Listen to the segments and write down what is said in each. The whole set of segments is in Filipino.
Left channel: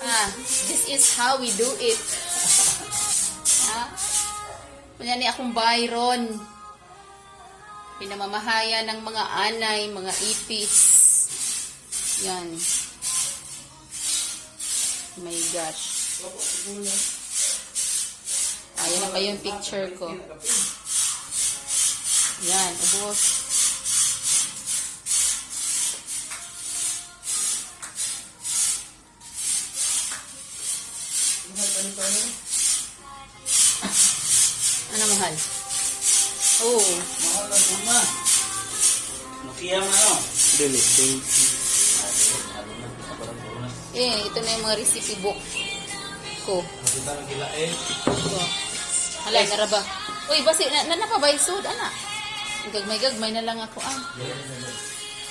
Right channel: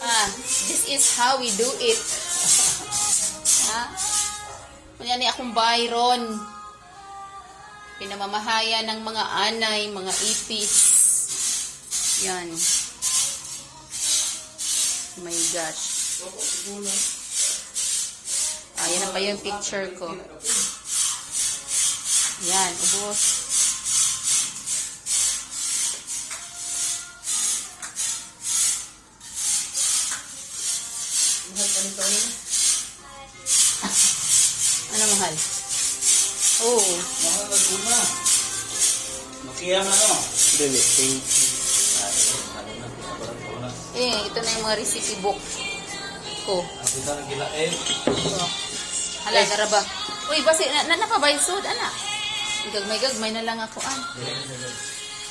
This is how we do it. Kanya ni akong Byron. Pinamamahaya ng mga anay, mga ipis. Yan. Oh my gosh. Yan na pa yung picture ko. Yan, ubos. Ano mahal? Oo. Mahal na tuna. Makiya man o. Dili, thank you. Ito na yung mga recipe book ko. Kita na gila eh. Hala, garaba. Uy, basi, nanapabay sud, anak. Gagmay na lang ako,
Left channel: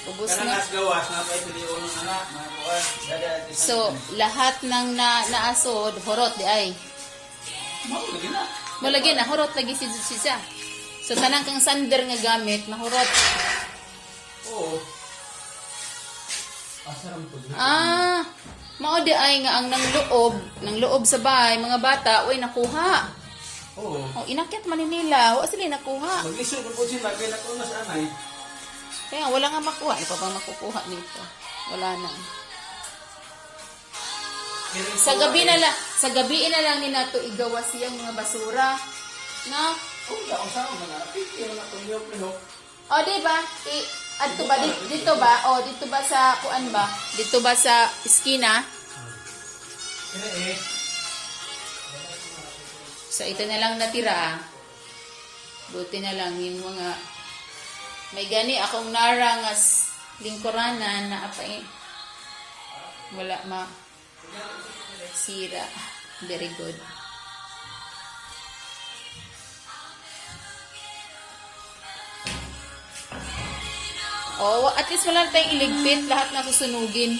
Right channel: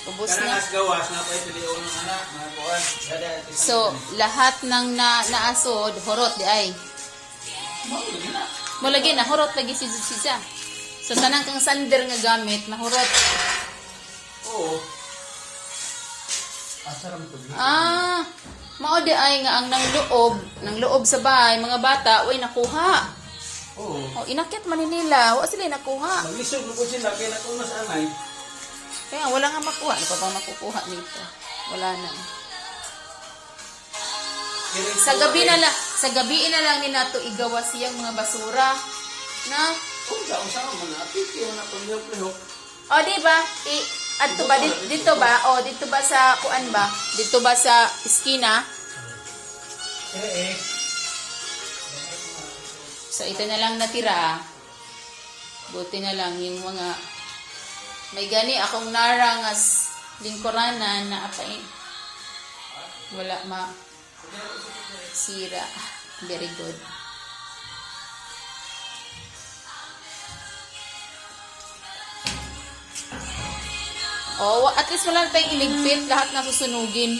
Ubus na. Karang gawas nga pa ito yung anak. So, lahat ng naasod, horot di ay. Mulagi na, horot lagi si siya. So, tanang kang sander nga gamit, na horot. Oo. Asaram to. Mao di ay nga ang nang loob sa bahay, mga bata, uy, nakuha. Oo. Inakyat man nila, wa sila nakuha. Nag-lisod mo po sila, kaya na kung mas anay. Kaya wala nga makuha. Ano pa bang makukuha nito? Wala na. Sa gabi na lang ni nato igawa siyang mga basura. Na? Kung saan mo na, piti mo na pag-lihok-lihok. O, di ba? Dito ba? Dito ba sa kuan ba? Dito ba sa iskina? So, ito na lang natira. Buti na lang yung mga may gani akong narangas lingkuranan na apa wala sira. Very good. At least wala tayong iligpit. Lahat na susunugin.